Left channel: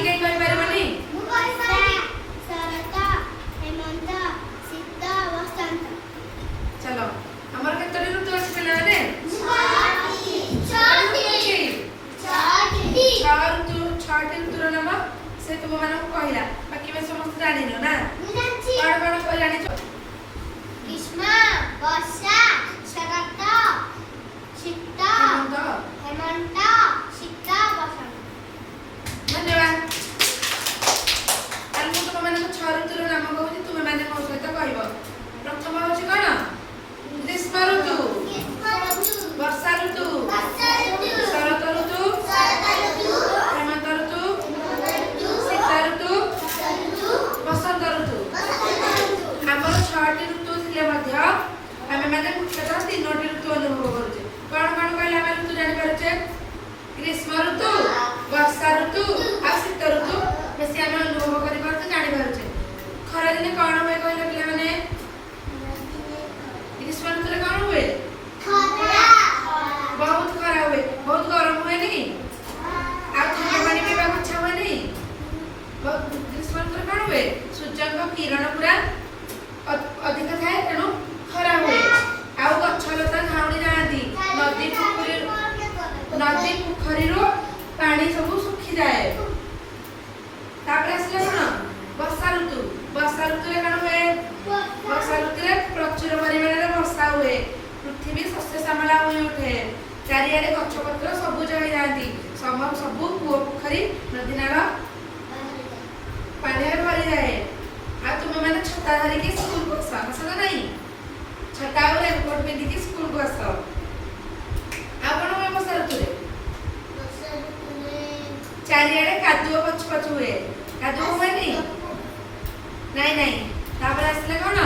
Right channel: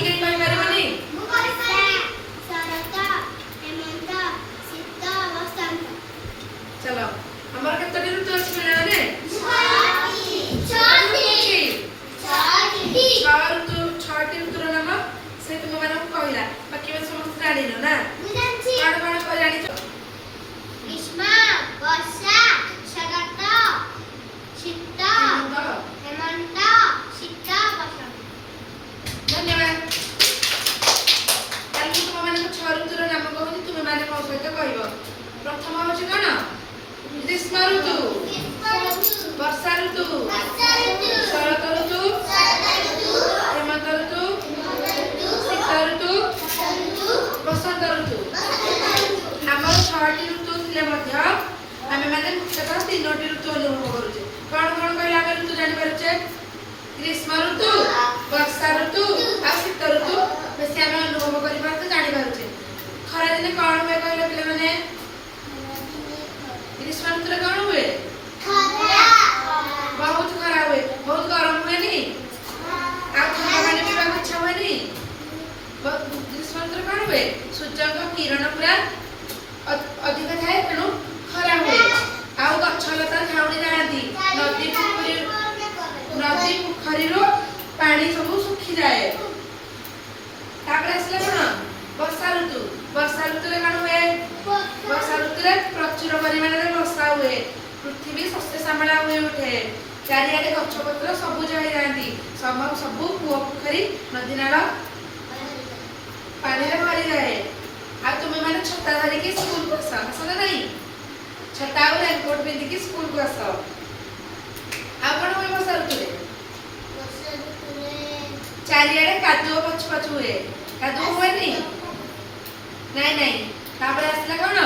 बाकी कहीं कहि पारिबनी चलो हमर केतटी ऋतु अछि पिला माने छटी ऋतुर नाम से तुम मानक कहला बाकी में समस्त जानि न ना कौन कह जानि ग्रीष्म वर्षा शरत शीत हेमंत शीत बसंत धन्यवाद आलु तुम मानक छ ऋतुर नाम कहूची तुम माने मो सहित कहबो प्रथम होची कोन ग्रीष्म ऋतु वर्षा ऋतु शरत ऋतु हेमंत ऋतु शीत ऋतु बसंत ऋतु हमर छटी ऋतु थिले मध्य आमे माने मुख्यतः तीनोटी ऋतु अनुभव करूचे कोन कोन कहला आमे ऋतु जानि पारुचे ग्रीष्म ऋतु वर्षा ऋतु आ शीत ऋतु बेसी आमे अनुभव करि पारुचे जानि पारुचे खरा दिने कोन होय कहले पिला माने ग्रीष्म ऋतु रे कोन हुए बहुत खरा हुए बहुत गरम हुए नी आ ठंडा पानी पीबा इच्छा हुए नी ग्रीष्म ऋतु कोन हुए सूर्य को किरण पूरा अधिक थाए तेणु खरा हुए आउ गछलता झाउड़ी जाती नदी पोखरी पानी सब सुखी जाए तापर आसले कोन वर्षा ऋतु रे कोन हुए वर्षा ऋतु रे प्रचुर परिमाण रे वर्षा हुए पृथ्वी सस्य श्यामला हुए उठे चारियाडे गछपत्र सबुज हो जाती सबू कूଅ पोखरी नदी नाल पानी भरी जाए आ तुम मैंने छता धरिकी स्कूल को आस ना नहीं छता और रेनकोट पिंधिकी स्कूल को आस आपण हुए वर्षा ऋतु चारियाडे कादुओ पछ पछ हुए कादुओ हुए नहीं नहीं तापर आसला कोन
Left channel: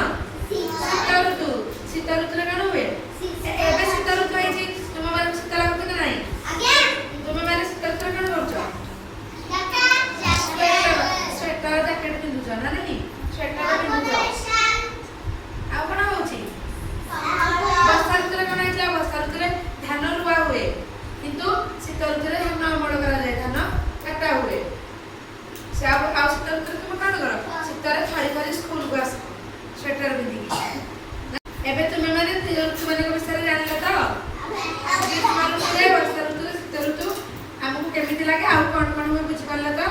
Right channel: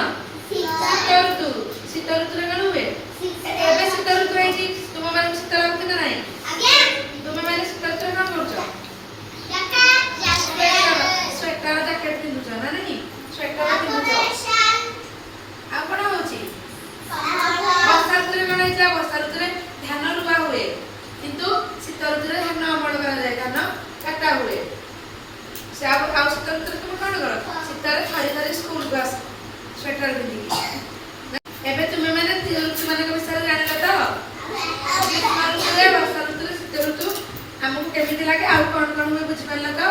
शीत ऋतु रे कोन हुए एबे शीत ऋतु है कि तुम माने शीत लागत ना नहीं तुम माने शीत ऋतु रे कोन करछो स्वेटर जैकेट पिंधुछ ना नहीं स्वेटर पिंधुछ आ कोन होची वर्षा ऋतु रे कोन हैला वर्षा ऋतु रे धान रुआ हुए किंतु शीत ऋतु रे धान अमल करा जाय धान काटा हुए से आ शीत ऋतु रे तुम कोन करो शीत रे थरी थरी स्कूल को आस स्वेटर पिंधि एबे तुम माने ऋतु माने विषय जानिलो तो ग्रीष्म ऋतु रे वर्षा ऋतु रे शीत ऋतु हमको केमिति लागे आ कोन कोन हुए बुझ पाइला तो